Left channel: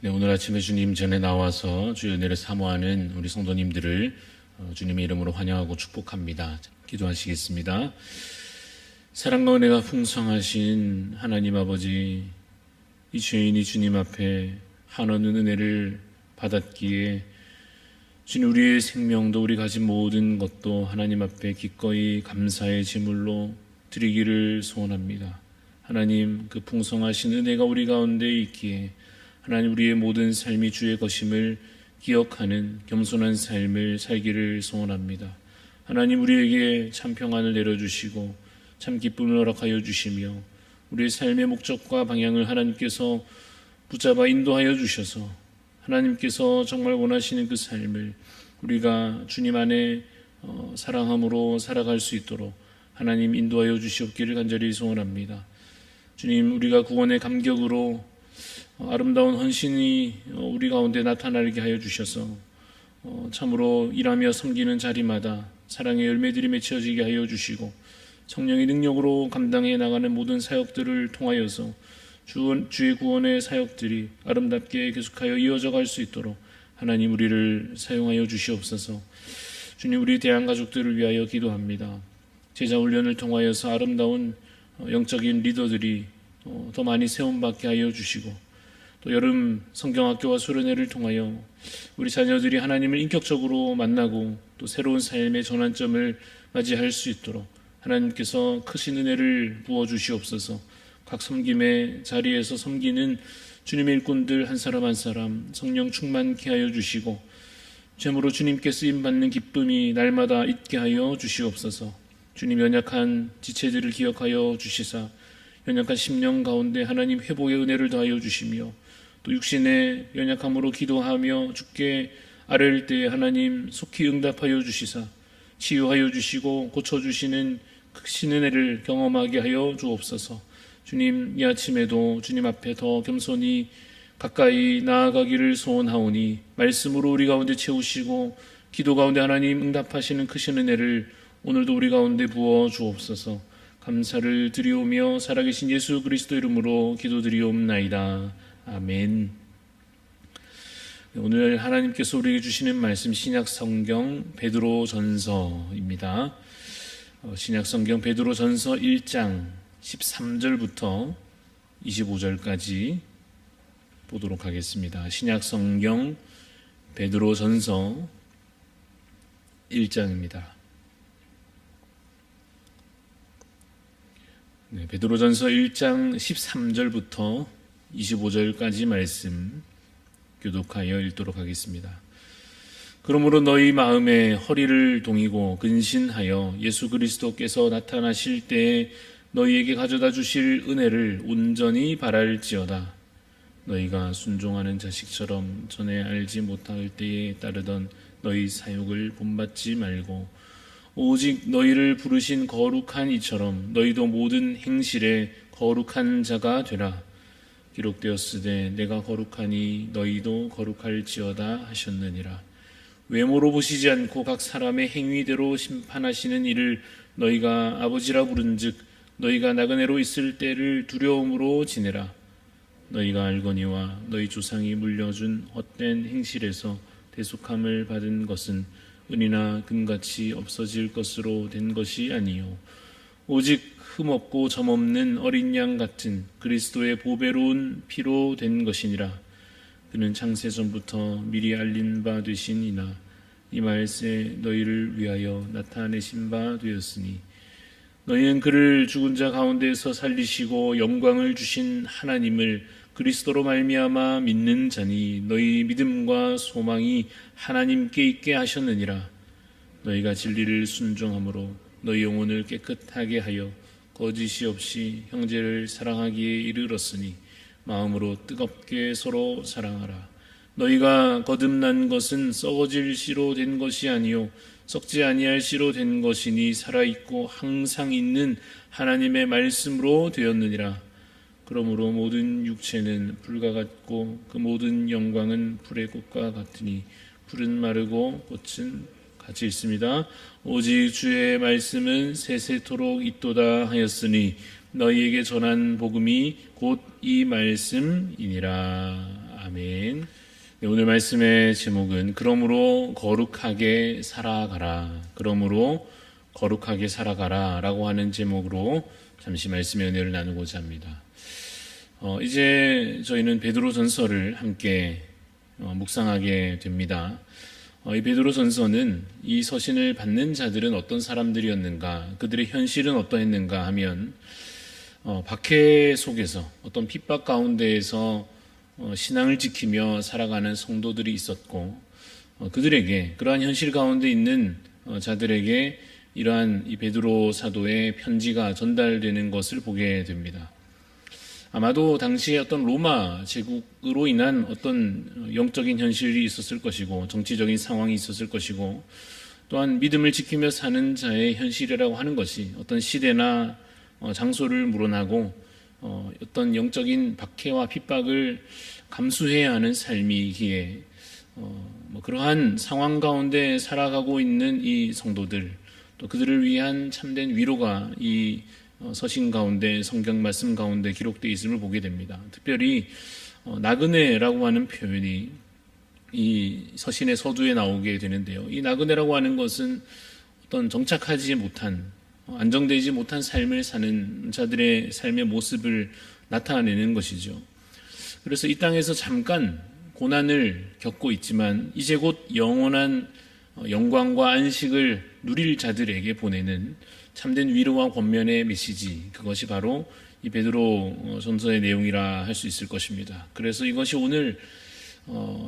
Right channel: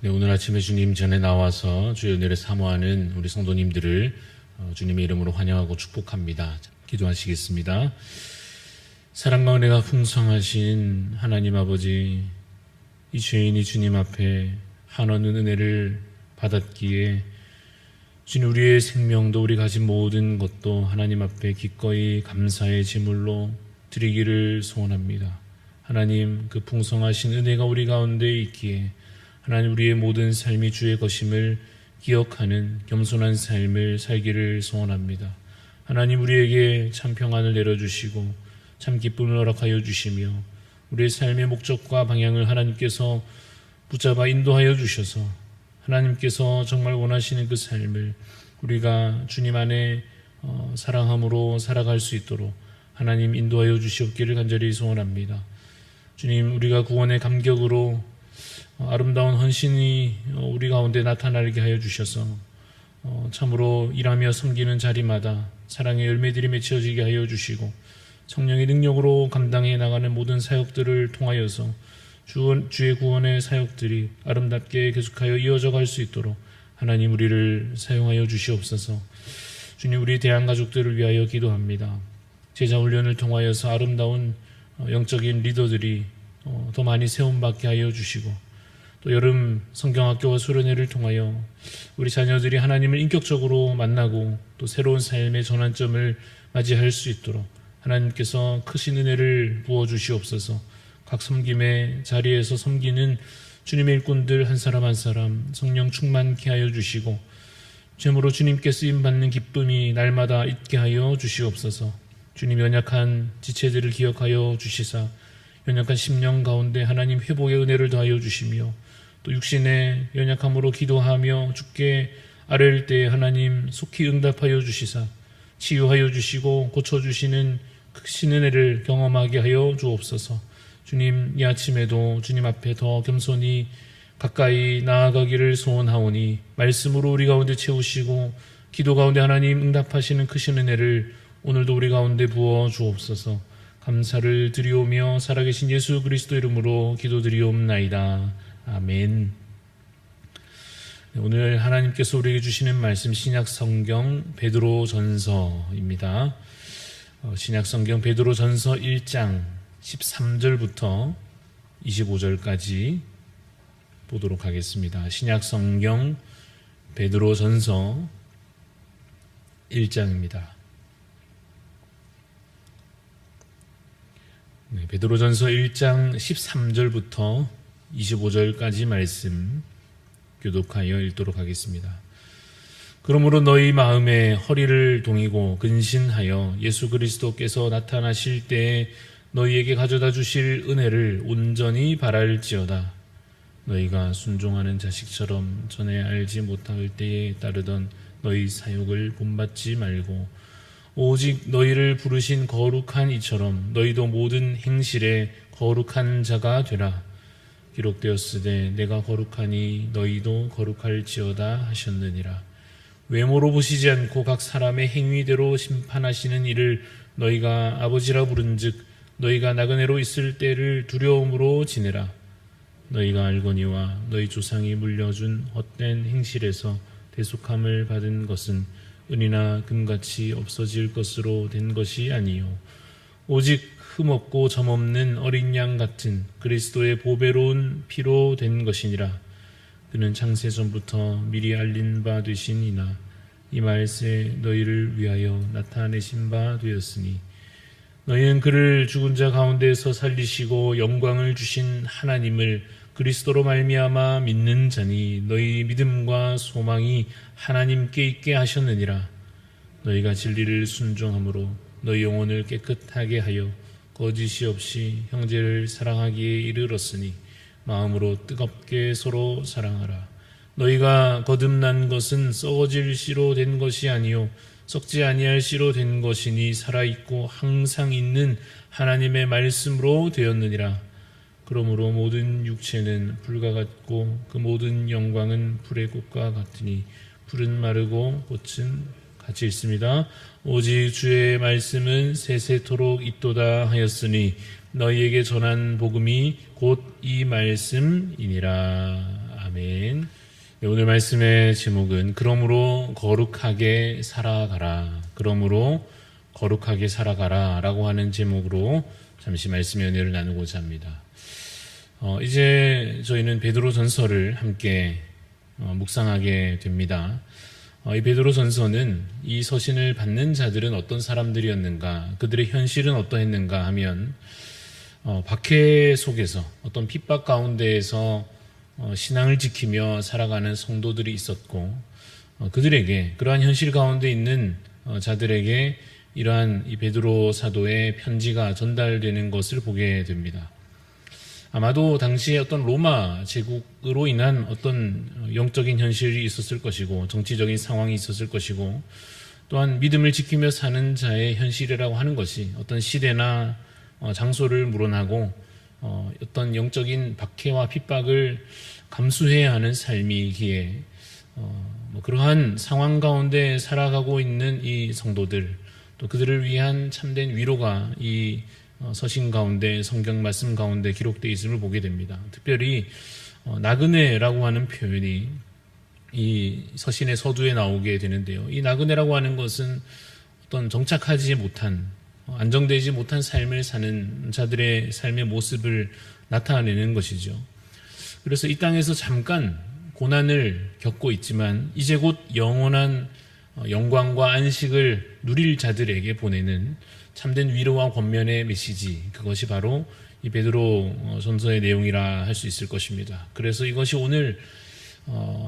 네, 오늘 아침에 주님 전에 나와서 주의 은혜를 사모하는 우리 성도님들을 주님의 이름으로 환영하고 축복합니다. 기도하시겠습니다. 사랑과 은혜가 풍성하신 하나님 아버지, 이 죄인이 주님 앞에 한없는 은혜를 받았기에 주님, 우리의 생명도 우리 가진 모든 것도 하나님 앞에 기꺼이 감사의 제물로 드리기를 소원합니다. 하나님, 그 풍성하신 은혜가 우리 가운데 있기에 하나님, 우리의 모든 삶이 주의 것임을 기억하는 겸손한 삶을 살기를 소원합니다. 하나님, 우리에게 참 평안을 내려주시고 참 기쁨을 허락하여 주시며 우리의 삶의 목적과 방향을 하나님께서 붙잡아 인도하여 주셔서 하나님께서 정말 원하시는 그 삶을 우리가 주님 안에 사랑함으로 살아갈 수 있도록 하나님 인도하여 주시옵기를 간절히 소원합니다. 주님, 우리가 구원의 감격으로 아름다운 헌신이 우리 가운데 나타나게 하여 주셔서 참으로 일하며 섬기는 자리마다 사랑의 열매들이 맺혀지게 하여 주시고 성령의 능력으로 감당해 나가는 모든 사역들을 통하여서 주의 구원의 사역들이 아름답게 계속하여 이어져 갈 수 있도록 하나님, 우리를 사용하여 주시옵소서. 주님, 우리 대한가족들을 위하여 기도합니다. 제자훈련을 통하여서 아름다운 영적인 리더들이 더 많이 세움받게 하여 주시고, 또 여름 성경학교와 수련회를 통하여 우리 자녀들이 하나님을 인격적으로 만나고 또 새로운 삶의 전환점을 맞이할 수 있도록 하나님께서 크신 은혜를 부어주시옵소서. 각 섬김의 자리에서 섬기는 주님의 일꾼들 한 사람 한 사람 성령 충만케 하여 주시고 죄물로 주님께 쓰임받는 기쁨이 날마다 있게 하여 주시옵소서. 주님, 연약한 지체들을 기억하여 주시사 연약한 심령 가운데 하나님 회복의 은혜를 더하여 주시며 또 육신의 연약함으로 기도하며 주께 아뢰일 때에 하나님 속히 응답하여 주시사 치유하여 주시고 고쳐주시는 크신 은혜를 경험하게 하여 주옵소서. 주님, 이 아침에도 주님 앞에 더 겸손히 가까이 나아가기를 소원하오니 말씀으로 우리 가운데 채우시고 기도 가운데 하나님 응답하시는 크신 은혜를 오늘도 우리 가운데 부어 주옵소서. 감사를 드리오며 살아계신 예수 그리스도 이름으로 기도드리옵나이다. 아멘. 오늘 하나님께서 우리에게 주시는 말씀 신약성경 베드로전서입니다. 신약성경 베드로전서 1장 13절부터 25절까지 보도록 하겠습니다. 신약성경 베드로전서 1장입니다. 베드로전서 1장 13절부터 25절까지 말씀 교독하여 읽도록 하겠습니다. 그러므로 너희 마음에 허리를 동이고 근신하여 예수 그리스도께서 나타나실 때에 너희에게 가져다 주실 은혜를 온전히 바랄지어다. 너희가 순종하는 자식처럼 전에 알지 못할 때에 따르던 너희 사욕을 본받지 말고 오직 너희를 부르신 거룩한 이처럼 너희도 모든 행실에 거룩한 자가 되라. 기록되었으되 내가 거룩하니 너희도 거룩할지어다 하셨느니라. 외모로 보시지 않고 각 사람의 행위대로 심판하시는 이를 너희가 아버지라 부른즉 너희가 나그네로 있을 때를 두려움으로 지내라. 너희가 알거니와 너희 조상이 물려준 헛된 행실에서 대속함을 받은 것은 은이나 금같이 없어질 것으로 된 것이 아니요 오직 흠없고 점없는 어린 양 같은 그리스도의 보배로운 피로 된 것이니라. 그는 창세 전부터 미리 알린 바 되시니나 이 말세 너희를 위하여 나타내신 바 되었으니 너희는 그를 죽은 자 가운데에서 살리시고 영광을 주신 하나님을 그리스도로 말미암아 믿는 자니 너희 믿음과 소망이 하나님께 있게 하셨느니라. 너희가 진리를 순종함으로 너희 영혼을 깨끗하게 하여 거짓이 없이 형제를 사랑하기에 이르렀으니 마음으로 뜨겁게 서로 사랑하라. 너희가 거듭난 것은 썩어질 씨로 된 것이 아니요 썩지 아니할 씨로 된 것이니 살아있고 항상 있는 하나님의 말씀으로 되었느니라. 그러므로 모든 육체는 불과 같고 그 모든 영광은 불의 꽃과 같으니 불은 마르고 꽃은 같이 있습니다. 오직 주의 말씀은 세세토록 있도다 하였으니 너희에게 전한 복음이 곧 이 말씀이니라. 아멘. 네, 오늘 말씀의 제목은 그러므로 거룩하게 살아가라. 그러므로 거룩하게 살아가라 라고 하는 제목으로 잠시 말씀의 은혜를 나누고자 합니다. 이제 저희는 베드로전서를 함께 묵상하게 됩니다. 이 베드로전서는 이 서신을 받는 자들은 어떤 사람들이었는가, 그들의 현실은 어떠했는가 하면 박해 속에서 어떤 핍박 가운데에서 신앙을 지키며 살아가는 성도들이 있었고, 그들에게 그러한 현실 가운데 있는 자들에게 이러한 이 베드로 사도의 편지가 전달되는 것을 보게 됩니다. 아마도 당시에 어떤 로마 제국으로 인한 어떤 영적인 현실이 있었을 것이고, 정치적인 상황이 있었을 것이고, 또한 믿음을 지키며 사는 자의 현실이라고 하는 것이 어떤 시대나 장소를 물어나고 어떤 영적인 박해와 핍박을 감수해야 하는 삶이기에 그러한 상황 가운데 살아가고 있는 이 성도들, 또 그들을 위한 참된 위로가 이 서신 가운데, 성경 말씀 가운데 기록되어 있음을 보게 됩니다. 특별히 나그네라고 하는 표현이 이 서신의 서두에 나오게 되는데요. 이 나그네라고 하는 것은 어떤 정착하지 못한, 안정되지 못한 삶을 사는 자들의 삶의 모습을 나타내는 것이죠. 그래서 이 땅에서 잠깐 고난을 겪고 있지만 이제 곧 영원한 영광과 안식을 누릴 자들에게 보내는 참된 위로와 권면의 메시지, 그것이 바로 이 베드로 전서의 내용이라 할 수 있을 것입니다. 그래서 이것이 오늘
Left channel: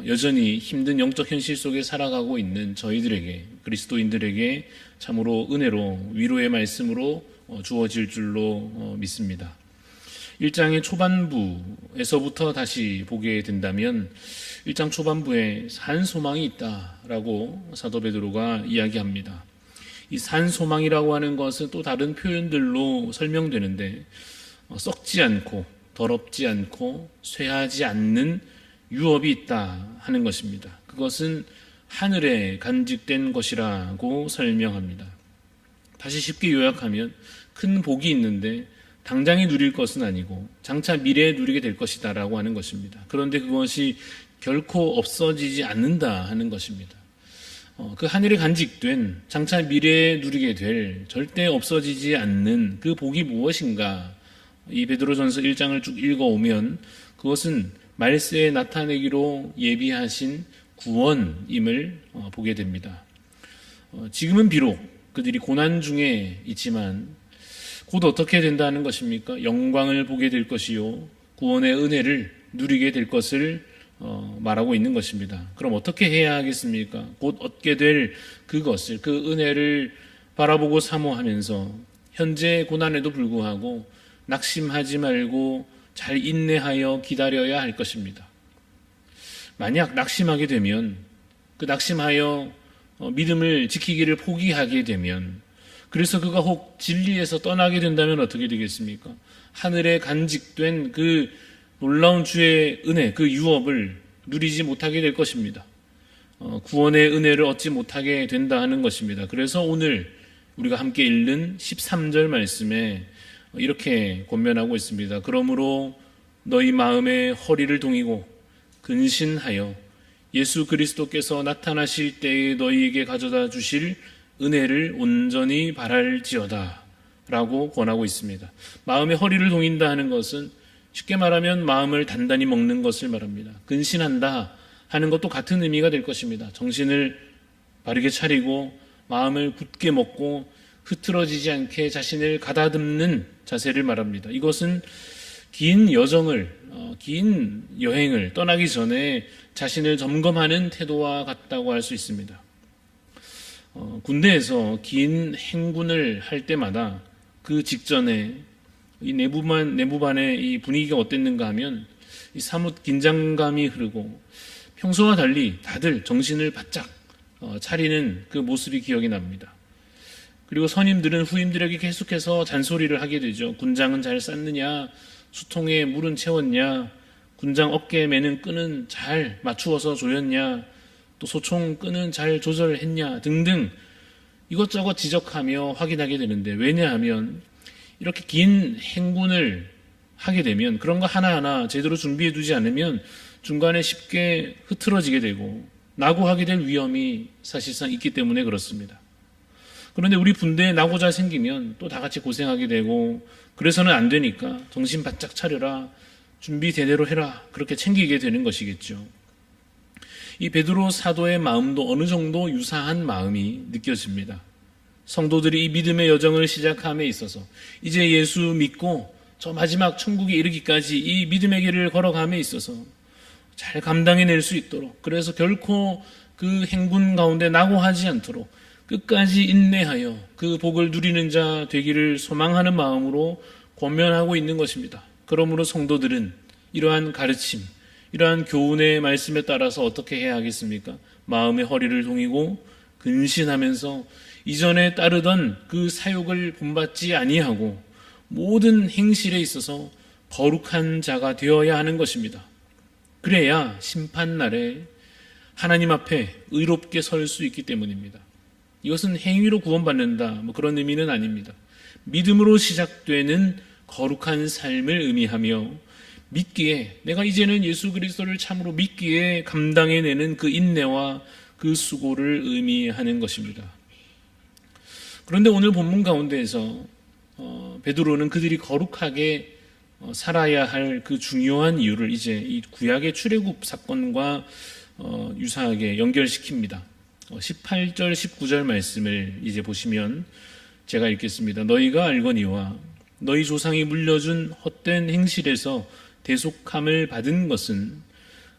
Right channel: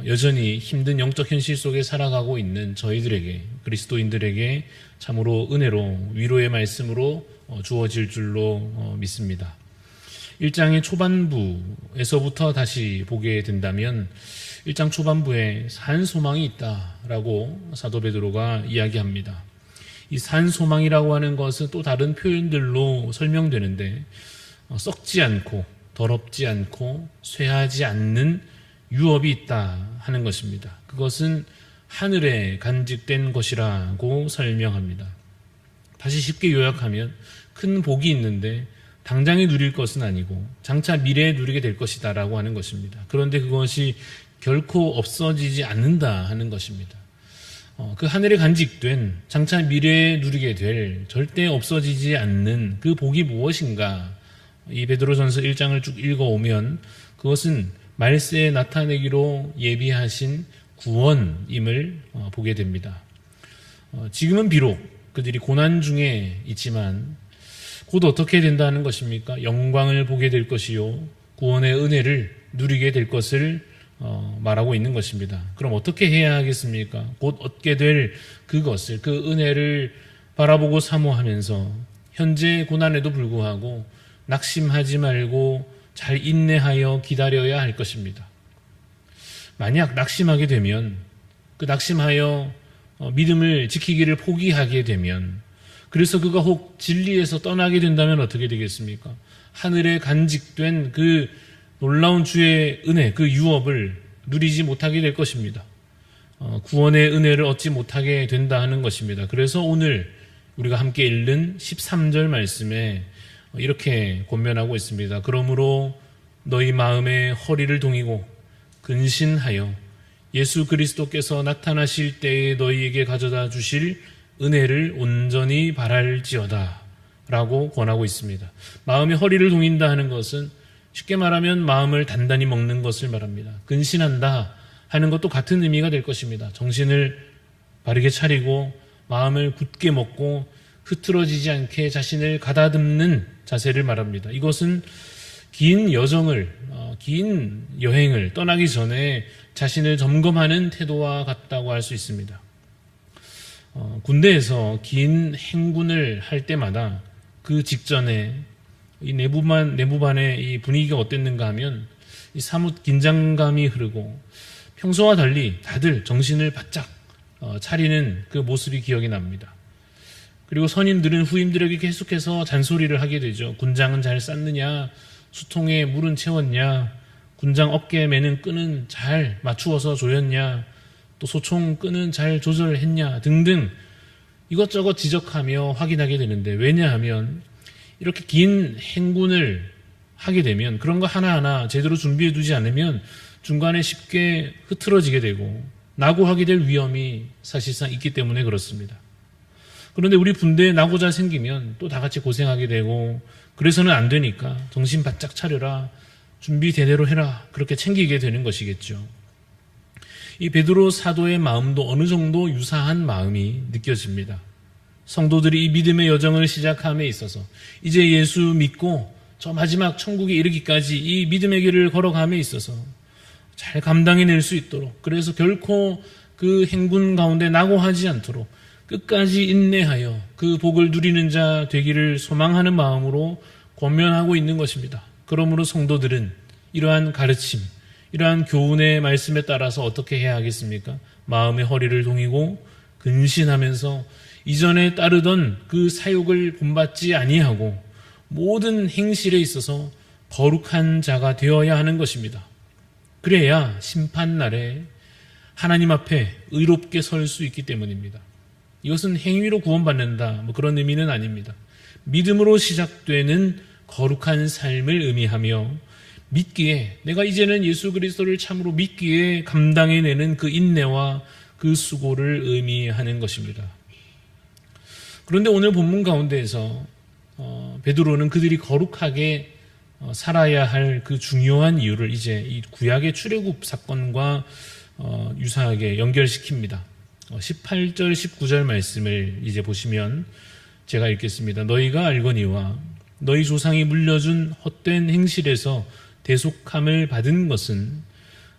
여전히 힘든 영적 현실 속에 살아가고 있는 저희들에게, 그리스도인들에게 참으로 은혜로 위로의 말씀으로 주어질 줄로 믿습니다. 1장의 초반부에서부터 다시 보게 된다면 1장 초반부에 산 소망이 있다라고 사도 베드로가 이야기합니다. 이 산 소망이라고 하는 것은 또 다른 표현들로 설명되는데, 썩지 않고 더럽지 않고 쇠하지 않는 유업이 있다 하는 것입니다. 그것은 하늘에 간직된 것이라고 설명합니다. 다시 쉽게 요약하면 큰 복이 있는데 당장에 누릴 것은 아니고 장차 미래에 누리게 될 것이다 라고 하는 것입니다. 그런데 그것이 결코 없어지지 않는다 하는 것입니다. 그 하늘에 간직된 장차 미래에 누리게 될 절대 없어지지 않는 그 복이 무엇인가, 이 베드로전서 1장을 쭉 읽어오면 그것은 말세에 나타내기로 예비하신 구원임을 보게 됩니다. 지금은 비록 그들이 고난 중에 있지만 곧 어떻게 된다는 것입니까? 영광을 보게 될 것이요, 구원의 은혜를 누리게 될 것을 말하고 있는 것입니다. 그럼 어떻게 해야 하겠습니까? 곧 얻게 될 그것을, 그 은혜를 바라보고 사모하면서 현재 고난에도 불구하고 낙심하지 말고 잘 인내하여 기다려야 할 것입니다. 만약 낙심하게 되면, 그 낙심하여 믿음을 지키기를 포기하게 되면, 그래서 그가 혹 진리에서 떠나게 된다면 어떻게 되겠습니까? 하늘에 간직된 그 놀라운 주의 은혜, 그 유업을 누리지 못하게 될 것입니다. 구원의 은혜를 얻지 못하게 된다 하는 것입니다. 그래서 오늘 우리가 함께 읽는 13절 말씀에 이렇게 권면하고 있습니다. 그러므로 너희 마음에 허리를 동이고 근신하여 예수 그리스도께서 나타나실 때에 너희에게 가져다 주실 은혜를 온전히 바랄지어다 라고 권하고 있습니다. 마음에 허리를 동인다 하는 것은 쉽게 말하면 마음을 단단히 먹는 것을 말합니다. 근신한다 하는 것도 같은 의미가 될 것입니다. 정신을 바르게 차리고 마음을 굳게 먹고 흐트러지지 않게 자신을 가다듬는 자세를 말합니다. 이것은 긴 여정을, 긴 여행을 떠나기 전에 자신을 점검하는 태도와 같다고 할 수 있습니다. 군대에서 긴 행군을 할 때마다 그 직전에 이 내부반의 이 분위기가 어땠는가 하면 이 사뭇 긴장감이 흐르고 평소와 달리 다들 정신을 바짝 차리는 그 모습이 기억이 납니다. 그리고 선임들은 후임들에게 계속해서 잔소리를 하게 되죠. 군장은 잘 쌌느냐, 수통에 물은 채웠냐, 군장 어깨에 매는 끈은 잘 맞추어서 조였냐, 또 소총 끈은 잘 조절했냐 등등 이것저것 지적하며 확인하게 되는데, 왜냐하면 이렇게 긴 행군을 하게 되면 그런 거 하나하나 제대로 준비해 두지 않으면 중간에 쉽게 흐트러지게 되고 낙오하게 될 위험이 사실상 있기 때문에 그렇습니다. 그런데 우리 군대에 낙오자 생기면 또 다 같이 고생하게 되고 그래서는 안 되니까 정신 바짝 차려라, 준비 제대로 해라, 그렇게 챙기게 되는 것이겠죠. 이 베드로 사도의 마음도 어느 정도 유사한 마음이 느껴집니다. 성도들이 이 믿음의 여정을 시작함에 있어서 이제 예수 믿고 저 마지막 천국에 이르기까지 이 믿음의 길을 걸어감에 있어서 잘 감당해낼 수 있도록, 그래서 결코 그 행군 가운데 낙오하지 않도록 끝까지 인내하여 그 복을 누리는 자 되기를 소망하는 마음으로 권면하고 있는 것입니다. 그러므로 성도들은 이러한 가르침, 이러한 교훈의 말씀에 따라서 어떻게 해야 하겠습니까? 마음의 허리를 동이고 근신하면서 이전에 따르던 그 사욕을 본받지 아니하고 모든 행실에 있어서 거룩한 자가 되어야 하는 것입니다. 그래야 심판날에 하나님 앞에 의롭게 설 수 있기 때문입니다. 이것은 행위로 구원받는다, 그런 의미는 아닙니다. 믿음으로 시작되는 거룩한 삶을 의미하며 믿기에, 내가 이제는 예수 그리스도를 참으로 믿기에 감당해내는 그 인내와 그 수고를 의미하는 것입니다. 그런데 오늘 본문 가운데에서 베드로는 그들이 거룩하게 살아야 할 그 중요한 이유를 이제 이 구약의 출애굽 사건과 유사하게 연결시킵니다. 18절 19절 말씀을 이제 보시면 제가 읽겠습니다. 너희가 알거니와 너희 조상이 물려준 헛된 행실에서 대속함을 받은 것은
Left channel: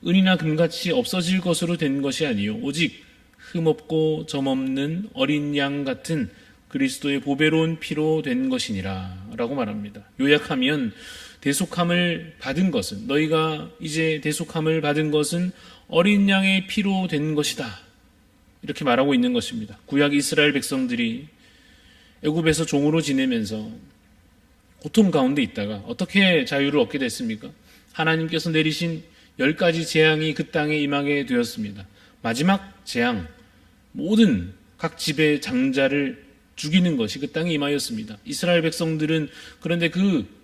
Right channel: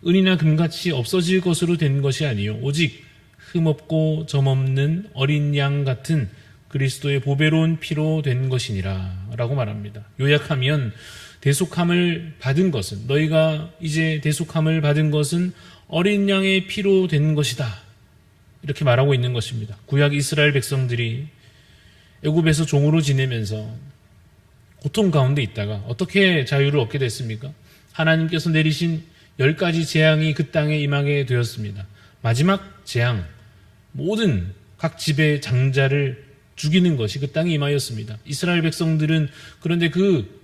은이나 금같이 없어질 것으로 된 것이 아니요 오직 흠없고 점없는 어린 양 같은 그리스도의 보배로운 피로 된 것이니라 라고 말합니다. 요약하면 대속함을 받은 것은, 너희가 이제 대속함을 받은 것은 어린 양의 피로 된 것이다, 이렇게 말하고 있는 것입니다. 구약 이스라엘 백성들이 애굽에서 종으로 지내면서 고통 가운데 있다가 어떻게 자유를 얻게 됐습니까? 하나님께서 내리신 10가지 재앙이 그 땅에 임하게 되었습니다. 마지막 재앙, 모든 각 집의 장자를 죽이는 것이 그 땅에 임하였습니다. 이스라엘 백성들은 그런데 그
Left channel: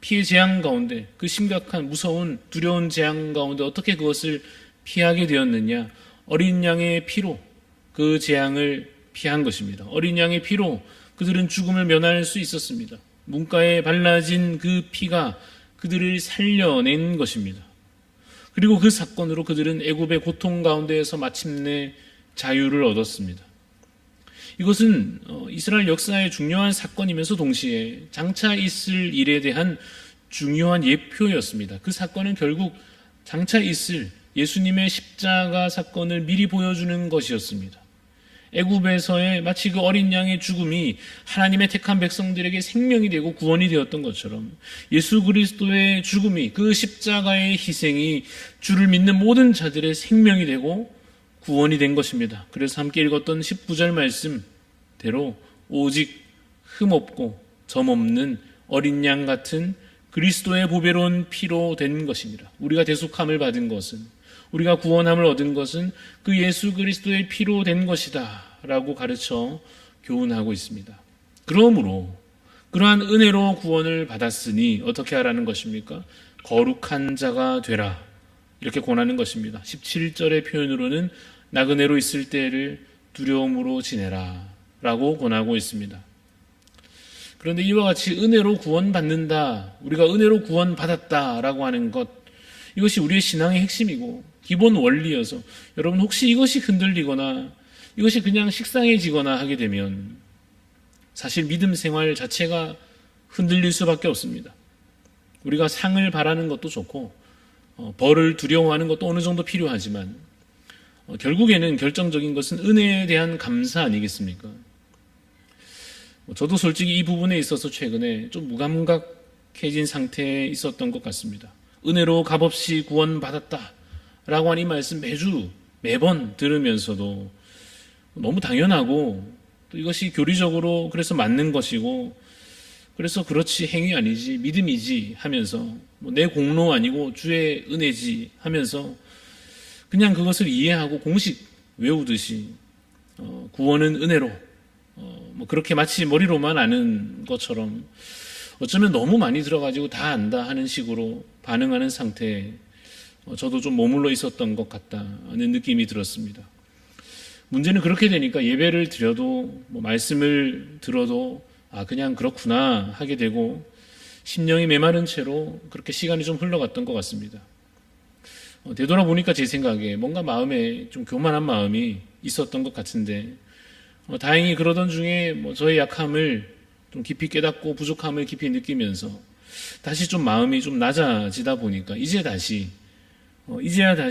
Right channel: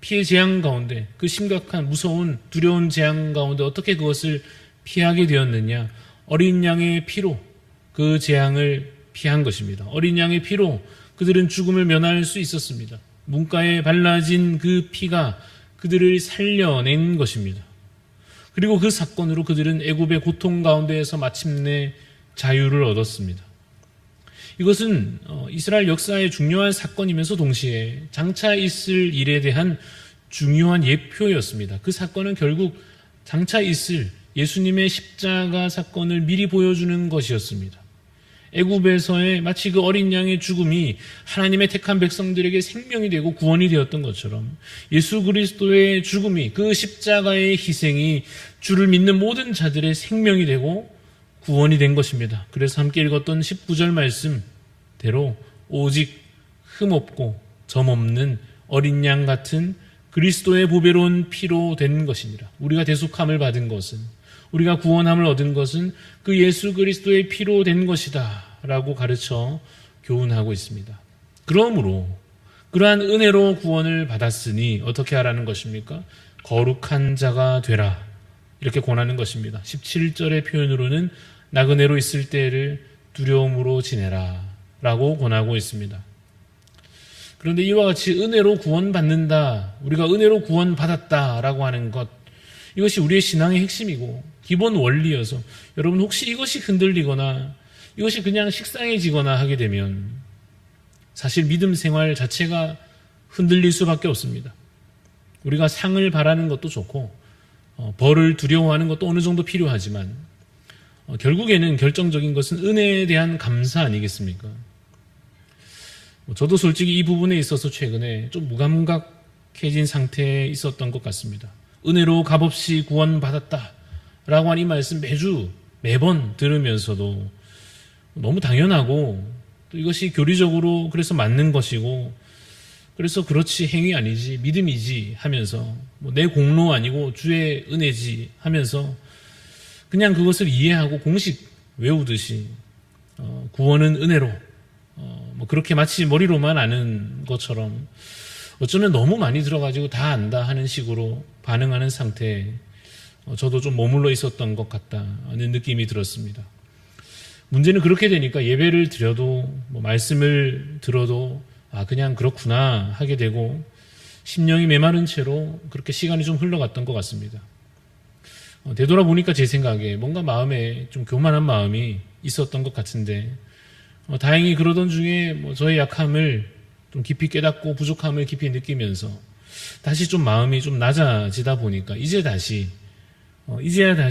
피해 재앙 가운데, 그 심각한 무서운 두려운 재앙 가운데 어떻게 그것을 피하게 되었느냐? 어린 양의 피로 그 재앙을 피한 것입니다. 어린 양의 피로 그들은 죽음을 면할 수 있었습니다. 문가에 발라진 그 피가 그들을 살려낸 것입니다. 그리고 그 사건으로 그들은 애굽의 고통 가운데에서 마침내 자유를 얻었습니다. 이것은 이스라엘 역사의 중요한 사건이면서 동시에 장차 있을 일에 대한 중요한 예표였습니다. 그 사건은 결국 장차 있을 예수님의 십자가 사건을 미리 보여주는 것이었습니다. 애굽에서의 마치 그 어린 양의 죽음이 하나님의 택한 백성들에게 생명이 되고 구원이 되었던 것처럼 예수 그리스도의 죽음이, 그 십자가의 희생이 주를 믿는 모든 자들의 생명이 되고 구원이 된 것입니다. 그래서 함께 읽었던 19절 말씀대로 오직 흠없고 점없는 어린 양 같은 그리스도의 보배로운 피로 된 것이니라. 우리가 대속함을 받은 것은, 우리가 구원함을 얻은 것은 그 예수 그리스도의 피로 된 것이다 라고 가르쳐 교훈하고 있습니다. 그러므로 그러한 은혜로 구원을 받았으니 어떻게 하라는 것입니까? 거룩한 자가 되라, 이렇게 권하는 것입니다. 17절의 표현으로는 나그네로 있을 때를 두려움으로 지내라 라고 권하고 있습니다. 그런데 이와 같이 은혜로 구원받는다, 우리가 은혜로 구원받았다라고 하는 것, 이것이 우리의 신앙의 핵심이고 기본 원리여서 여러분 혹시 이것이 흔들리거나 이것이 그냥 식상해지거나 하게 되면 사실 믿음 생활 자체가 흔들릴 수밖에 없습니다. 우리가 상을 바라는 것도 좋고 벌을 두려워하는 것도 어느 정도 필요하지만 결국에는 결정적인 것은 은혜에 대한 감사 아니겠습니까? 저도 솔직히 이 부분에 있어서 최근에 좀 무감각해진 상태에 있었던 것 같습니다. 은혜로 값없이 구원받았다 라고 하는 이 말씀 매번 들으면서도 너무 당연하고 또 이것이 교리적으로 그래서 맞는 것이고 그래서 그렇지, 행위 아니지, 믿음이지 하면서 내 공로 아니고 주의 은혜지 하면서 그냥 그것을 이해하고 공식 외우듯이 구원은 은혜로 그렇게 마치 머리로만 아는 것처럼 어쩌면 너무 많이 들어가지고 다 안다 하는 식으로 반응하는 상태에 저도 좀 머물러 있었던 것 같다는 느낌이 들었습니다. 문제는 그렇게 되니까 예배를 드려도 말씀을 들어도 그냥 그렇구나 하게 되고 심령이 메마른 채로 그렇게 시간이 좀 흘러갔던 것 같습니다. 되돌아보니까 제 생각에 뭔가 마음에 좀 교만한 마음이 있었던 것 같은데 다행히 그러던 중에 저의 약함을 좀 깊이 깨닫고 부족함을 깊이 느끼면서 다시 좀 마음이 좀 낮아지다 보니까 이제야 다시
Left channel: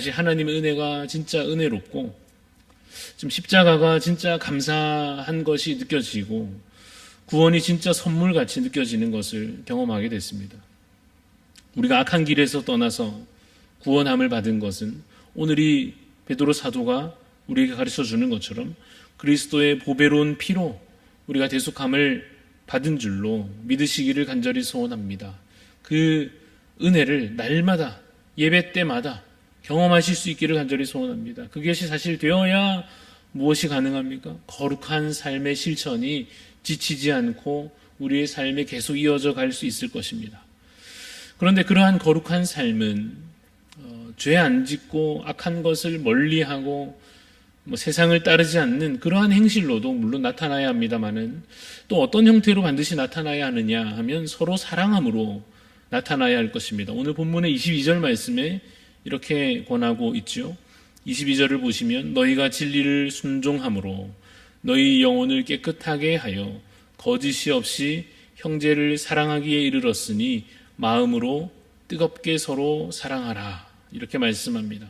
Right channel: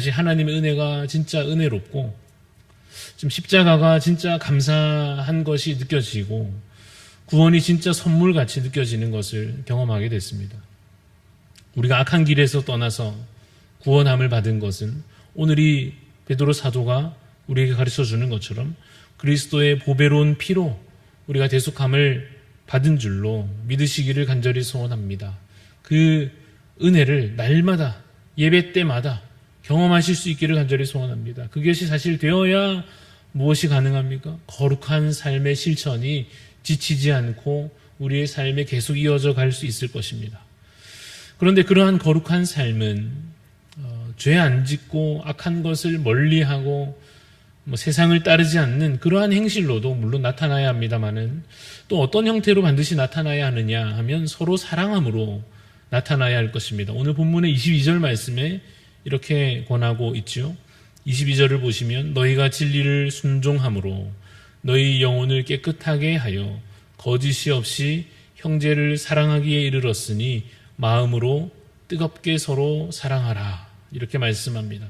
하나님의 은혜가 진짜 은혜롭고 좀 십자가가 진짜 감사한 것이 느껴지고 구원이 진짜 선물같이 느껴지는 것을 경험하게 됐습니다. 우리가 악한 길에서 떠나서 구원함을 받은 것은 오늘 이 베드로 사도가 우리에게 가르쳐 주는 것처럼 그리스도의 보배로운 피로 우리가 대속함을 받은 줄로 믿으시기를 간절히 소원합니다. 그 은혜를 날마다 예배 때마다 경험하실 수 있기를 간절히 소원합니다. 그것이 사실 되어야 무엇이 가능합니까? 거룩한 삶의 실천이 지치지 않고 우리의 삶에 계속 이어져 갈 수 있을 것입니다. 그런데 그러한 거룩한 삶은 죄 안 짓고 악한 것을 멀리하고 세상을 따르지 않는 그러한 행실로도 물론 나타나야 합니다마는 또 어떤 형태로 반드시 나타나야 하느냐 하면 서로 사랑함으로 나타나야 할 것입니다. 오늘 본문의 22절 말씀에 이렇게 권하고 있죠. 22절을 보시면 너희가 진리를 순종함으로 너희 영혼을 깨끗하게 하여 거짓이 없이 형제를 사랑하기에 이르렀으니 마음으로 뜨겁게 서로 사랑하라. 이렇게 말씀합니다.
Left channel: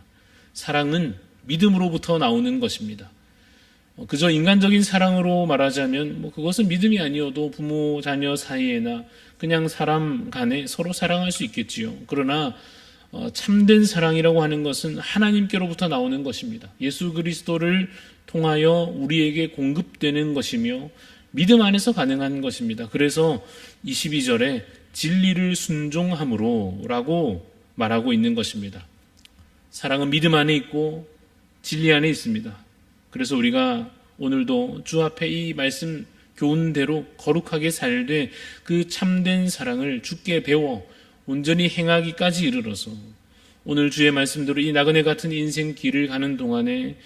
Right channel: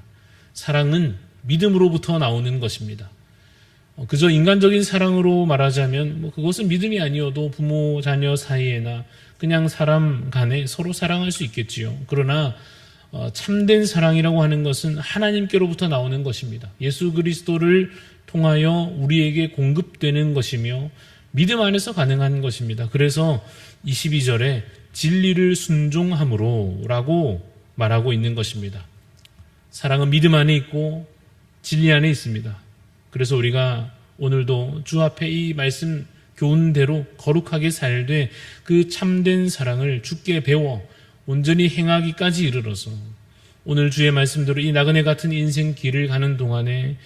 사랑은 믿음으로부터 나오는 것입니다. 그저 인간적인 사랑으로 말하자면 그것은 믿음이 아니어도 부모 자녀 사이에나 그냥 사람 간에 서로 사랑할 수 있겠지요. 그러나 참된 사랑이라고 하는 것은 하나님께로부터 나오는 것입니다. 예수 그리스도를 통하여 우리에게 공급되는 것이며 믿음 안에서 가능한 것입니다. 그래서 22절에 진리를 순종함으로 라고 말하고 있는 것입니다. 사랑은 믿음 안에 있고 진리 안에 있습니다. 그래서 우리가 오늘도 주 앞에 이 말씀 교훈대로 거룩하게 살되 그 참된 사랑을 주께 배워 온전히 행하기까지 이르러서 오늘 주의 말씀대로 이 나그네 같은 인생 길을 가는 동안에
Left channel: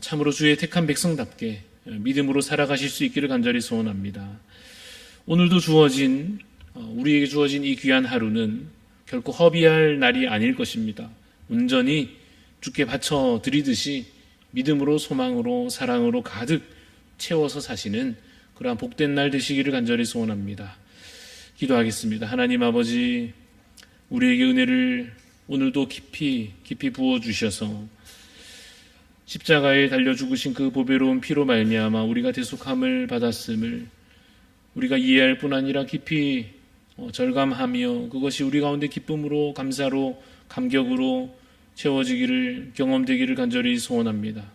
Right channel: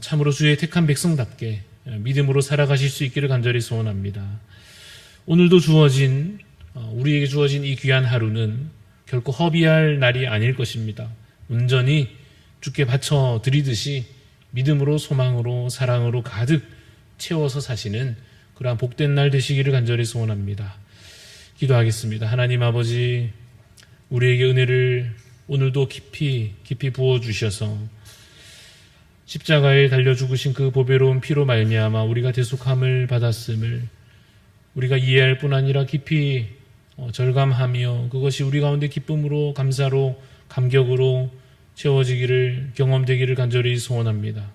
참으로 주의 택한 백성답게 믿음으로 살아가실 수 있기를 간절히 소원합니다. 오늘도 우리에게 주어진 이 귀한 하루는 결코 허비할 날이 아닐 것입니다. 온전히 주께 바쳐 드리듯이 믿음으로 소망으로 사랑으로 가득 채워서 사시는 그러한 복된 날 되시기를 간절히 소원합니다. 기도하겠습니다. 하나님 아버지, 우리에게 은혜를 오늘도 깊이 부어주셔서 십자가에 달려 죽으신 그 보배로운 피로 말미암아 우리가 대속함을 받았음을 우리가 이해할 뿐 아니라 깊이 절감하며 그것이 우리 가운데 기쁨으로 감사로 감격으로 채워지기를 경험되기를 간절히 소원합니다.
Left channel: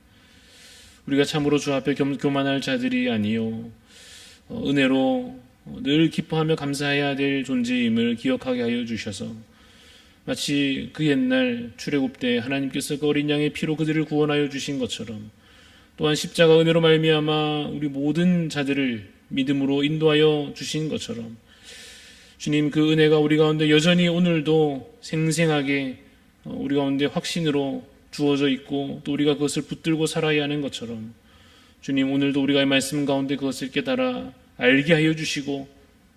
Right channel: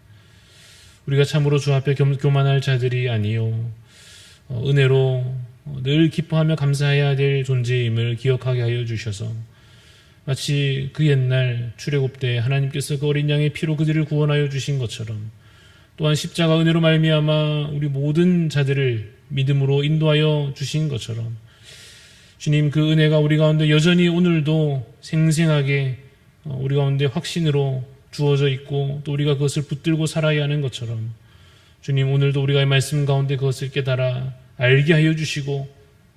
우리가 참으로 주 앞에 교만할 자들이 아니요 은혜로 늘 기뻐하며 감사해야 될 존재임을 기억하게 하여 주셔서 마치 그 옛날 출애굽 때 하나님께서 그 어린 양의 피로 그들을 구원하여 주신 것처럼 또한 십자가 은혜로 말미암아 우리 모든 자들을 믿음으로 인도하여 주신 것처럼 주님 그 은혜가 우리 가운데 여전히 오늘도 생생하게 우리 가운데 확신으로 주어져 있고 또 우리가 그것을 붙들고 살아야 하는 것처럼 주님 오늘도 우리가 이 말씀 가운데 그것을 깨달아 알게 하여 주시고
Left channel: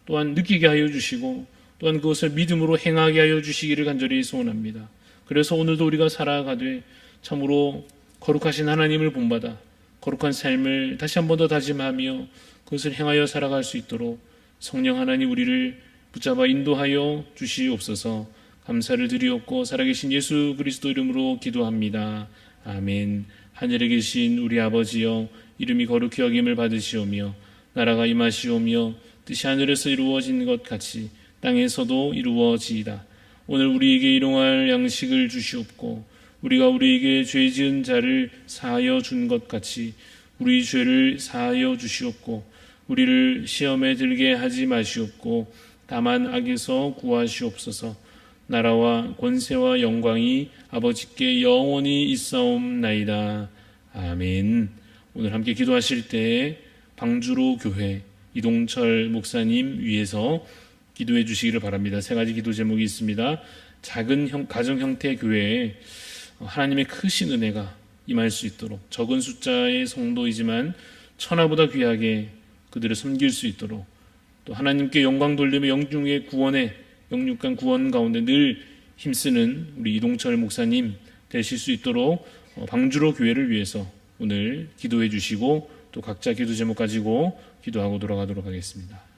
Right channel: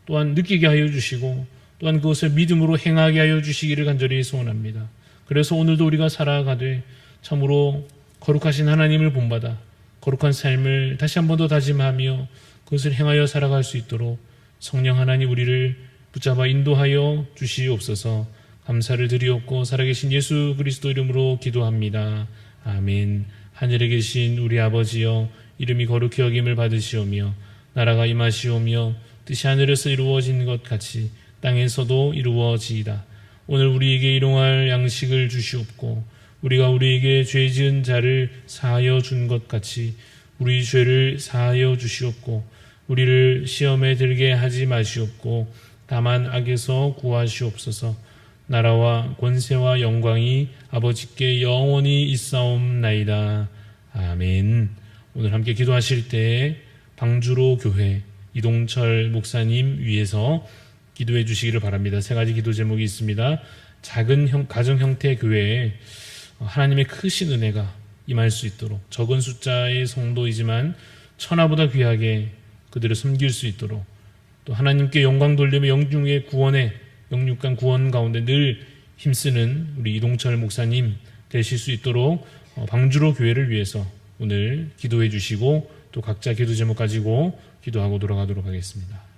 또한 느끼게 하여 주시고 또한 그것을 믿음으로 행하게 하여 주시기를 간절히 소원합니다. 그래서 오늘도 우리가 살아가되 참으로 거룩하신 하나님을 본받아 거룩한 삶을 다시 한 번 더 다짐하며 그것을 행하여 살아갈 수 있도록 성령 하나님 우리를 붙잡아 인도하여 주시옵소서. 감사를 드리옵고 살아계신 예수 그리스도 이름으로 기도합니다. 아멘. 하늘에 계신 우리 아버지여 이름이 거룩히 여김을 받으시오며 나라가 임하시오며 뜻이 하늘에서 이루어진 것 같이 땅에서도 이루어지이다. 오늘 우리에게 일용할 양식을 주시옵고 우리가 우리에게 죄 지은 자를 사하여 준 것 같이 우리 죄를 사하여 주시옵고 우리를 시험에 들게 하지 마시옵고 다만 악에서 구하시옵소서. 나라와 권세와 영광이 아버지께 영원히 있사옵나이다. 아멘. 오늘 함께 기도하실 때 방주로 교회 이동철 목사님 위해서 기도해 주시기를 바랍니다. 세 가지 기도 제목이 있습니다. 작은 가정 형태의 교회에 하나님의 크신 은혜가 임할 수 있도록, 적은 숫자의 성도이지만 천하보다 귀하게 그들을 섬길 수 있도록, 또 하나님께 영광 돌리며 영중의 구원에 영육간 구원 가운데 늘 힘쓰는 우리 이동철 목사님 되실 수 있도록 방주로 교회를 위해서 오늘 기도해 주시고 또 각자 기도 제목 가지고 기도하고 돌아가도록 하겠습니다.